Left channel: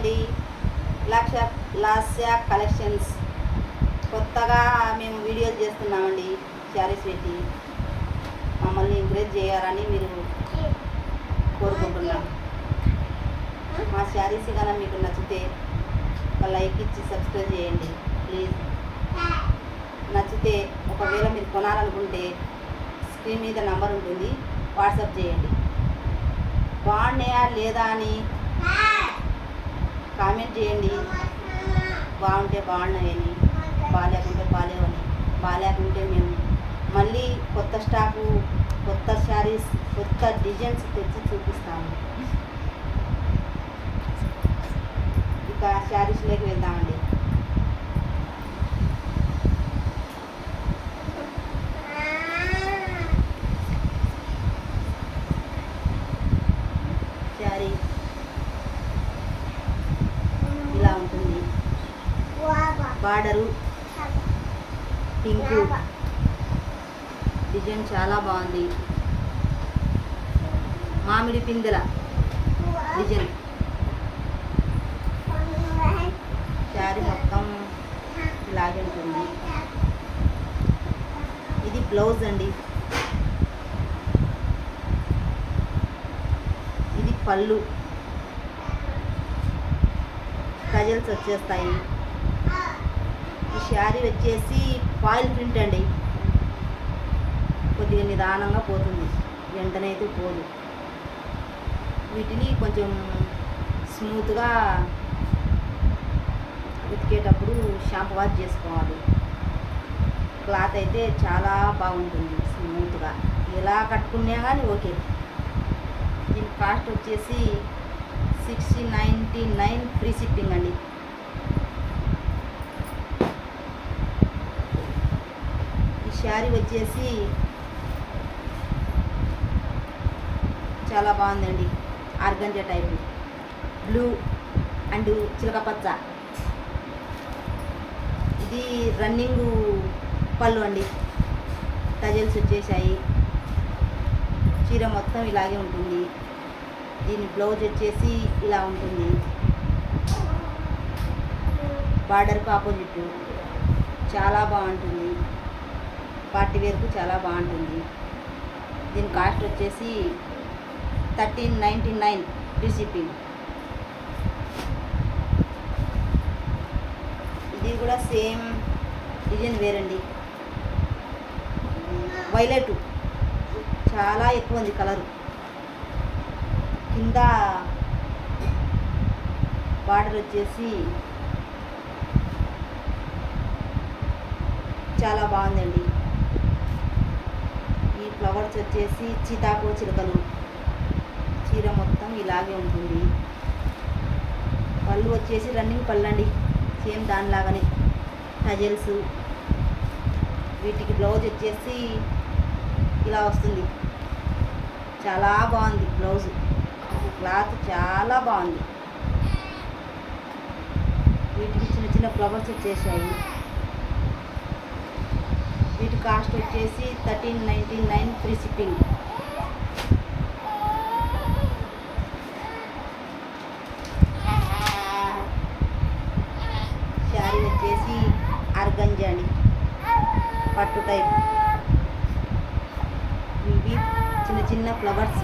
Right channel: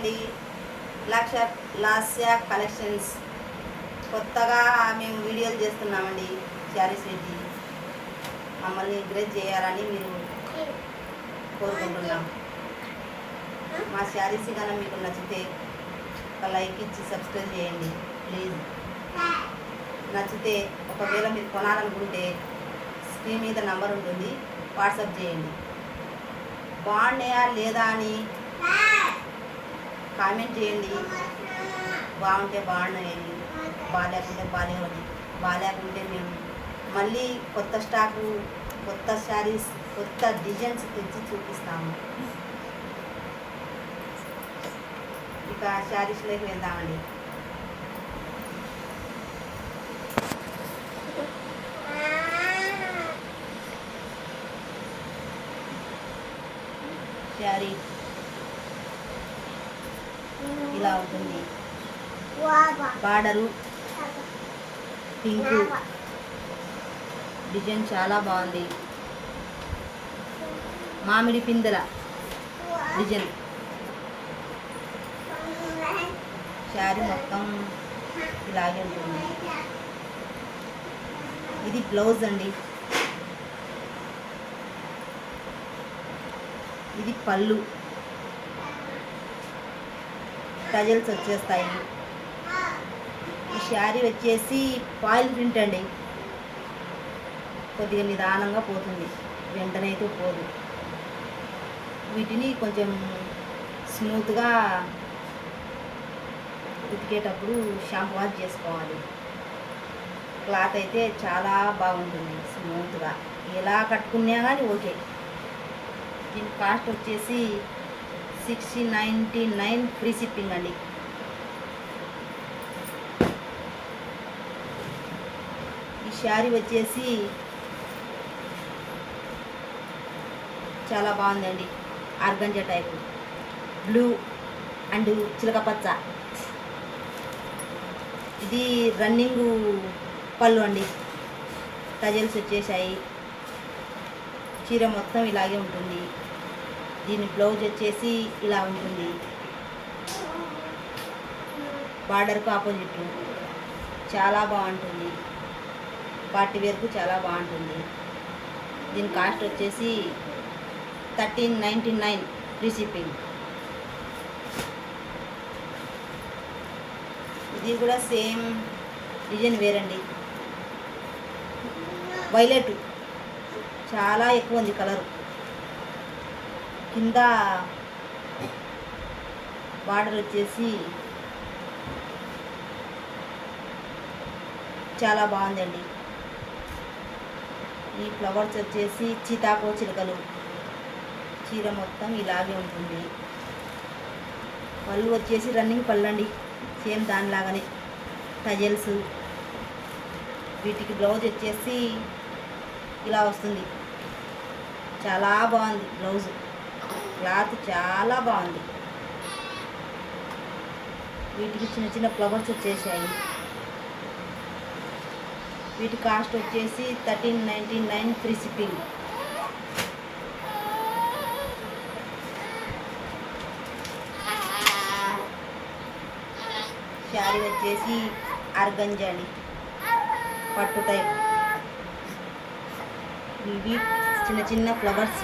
అండి. లాస్య కలెక్షన్స్ కొత్తగా మేము వీడియోలు చేస్తున్నామండి. శారీస్ పెట్టి మమ్మల్ని ఎంకరేజ్ చేయాలని మీరు కోరుకుంటున్నాం. మా శారీస్ కన్నా మీకు నచ్చితే లైక్ ఇచ్చి సబ్స్క్రైబ్ చేయండి ప్లీజ్. నచ్చితే ఒకవేళ మీరు కొనాలనుకుంటే స్క్రీన్ మీద నంబర్ ఉంటుంది, వాట్సాప్ చేయండి. బాగున్నాయా లేదా అని కామెంట్ చేయండి. బాగుంటే బాగున్నాయని, బాగాలేకుంటే బాగాలేవని. బాగాలేకుంటే మేము మళ్ళీ కొత్త స్టాకు, కొత్త శారీస్, కొత్త డిజైన్స్ తెచ్చి చూపిస్తాము. ఇక శారీస్లోకి వెళ్దామండి. శారీ ఇలా ఉంటుంది. బార్డరు పింక్ డిజైన్ చాలా బాగుంది. మామిడి పిందెల డిజైన్. శారీ మొత్తం ఇలాగే ఉంటుంది. ఇది బ్లౌజ్ అండి. ఇది పళ్ళు. టజల్స్ వచ్చేస్తాయి. ఈ శారీ వచ్చేసి ఫాయిల్ ప్రింట్ అండి. కొద్దిగా నిదానంగా పోతుంది, వెంటనే అయితే పోదు. వీటిని కొంచెం స్మూత్గా ఉతికేటప్పుడు షాంపూ వాష్ చేసుకోవాలి. క్లాత్ అయితే చాలా బాగుంటుంది, స్మూత్గా. ఎలా కట్టుకున్నా కానీ ఓకే. దీని కాస్ట్ వచ్చేసి 6099 ఫ్రీ షిప్పింగ్ అండి. ఈ శారీ వచ్చేసి చాలా బాగుందండి. ఆర్గంజా టైపు, బ్లూ అండ్ చిలకపచ్చ. ఇది రన్నింగ్ పళ్ళు అండి. టజల్స్ వచ్చేసాయి. చీర మొత్తం ఇలాగే ఉంటుంది. దీని బ్లౌజ్ వచ్చేసి ఇలా ఉంటుంది. బార్డర్కు ఆపోజిట్ చాలా బాగుంటుంది. పార్టీ వేర్కు చాలా బాగుంటుంది. దీని కాస్ట్ వచ్చేసి 1399 ఫ్రీ షిప్పింగ్. ఇది కూడా సేమ్ డిజైన్ వేరండి. వైలెట్ చాలా ఎక్కువ ఉంది కలరు. కింద బార్డర్ వచ్చేసి చాలా బాగుందండి. ఈ ఫ్లవర్స్ వచ్చేసి సీతాకో చిలుకలు. చీర మొత్తం ఇలాగే ఉంటుంది. పళ్ళు వచ్చేసి రన్నింగ్ పళ్ళు అండి, సేమ్ దానిలాగానే టజల్స్. వీటికి బ్లౌజ్ వచ్చేసి ఇలా వస్తుంది. చాలా బాగుంది బ్లౌజు. క్లాత్ చాలా బాగుంది. వీటికి చిన్న చిన్న ఫ్లవర్స్ వచ్చేసాయి. వీటి కాస్ట్ వచ్చేసి 1399 ఫ్రీ షిప్పింగ్. శారీ వచ్చేసి ఆర్గంజా అండి, పట్టు టైప్. ఇవి చిన్న చిన్న ఫ్లవర్స్.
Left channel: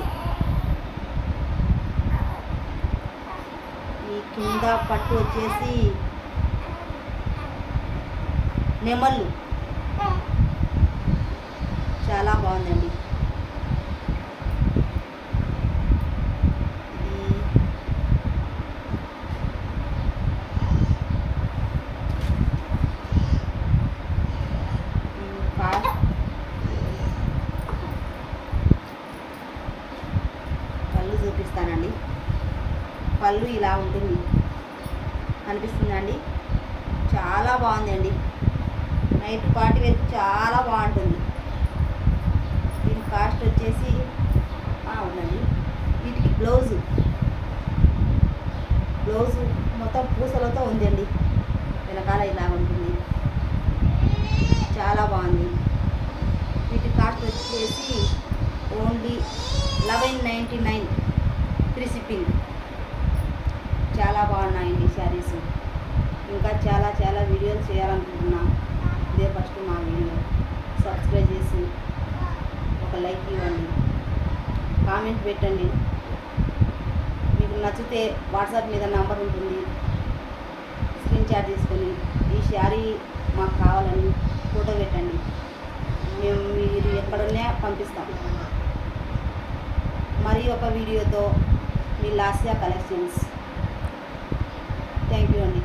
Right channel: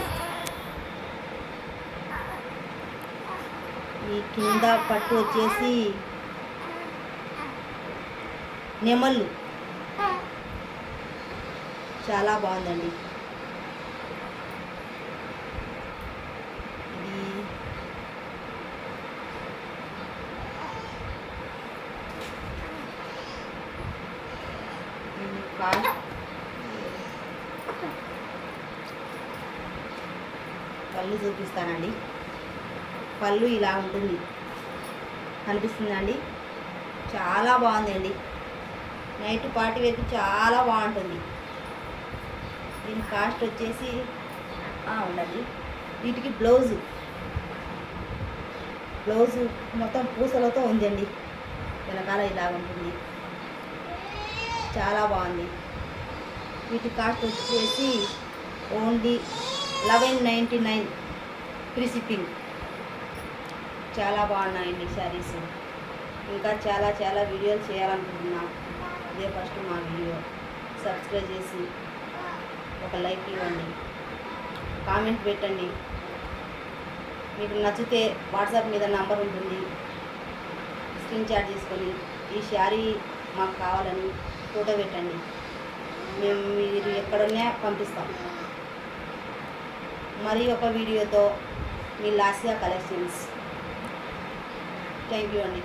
ఈ కింద పట్టు వచ్చేసి నెమళ్ళు. చాలా బాగుందండి. ఇది పళ్ళు చూపిస్తానండి. పళ్ళు ఇలా ఉంటుంది, కనిపిస్తుందండి. చాలా బాగుందండి. నైట్ పార్టీ వేసి చాలా బాగుంటుంది. దీని కాస్ట్ వచ్చేసి ఉందండి. వీటికి బ్లౌజు మొత్తం పూసలతో ఉందండి. వెనకాల ఇలా ఉంటుంది. చాలా బాగుంది. వీటి కాస్ట్ వచ్చేసి ఓన్లీ 1199 ఫ్రీ షిప్పింగ్. చాలా బాగున్నాయండి శారీస్. ఇంకా చాలా చాలా వీడియోలు చేయాలనుకుంటున్నాం. ఇదే ఫస్ట్ మా వీడియో. సబ్స్క్రైబ్ చేసి ఒక లైక్ ఇవ్వండి, కామెంట్ పెట్టండి. మీకు నచ్చితే వాట్సాప్ మీద నంబర్ ఉంటుంది, స్క్రీన్ షాట్ తీసుకొని ఈ శారీ మాకు కావాలని ఫోటో పెట్టండి. మేము మీరు ఎక్కడున్నా పంపిస్తాం. మరి ఒక వీడియోతో మీ లాస్యా కలెక్షన్స్. థ్యాంక్ యూ అండి.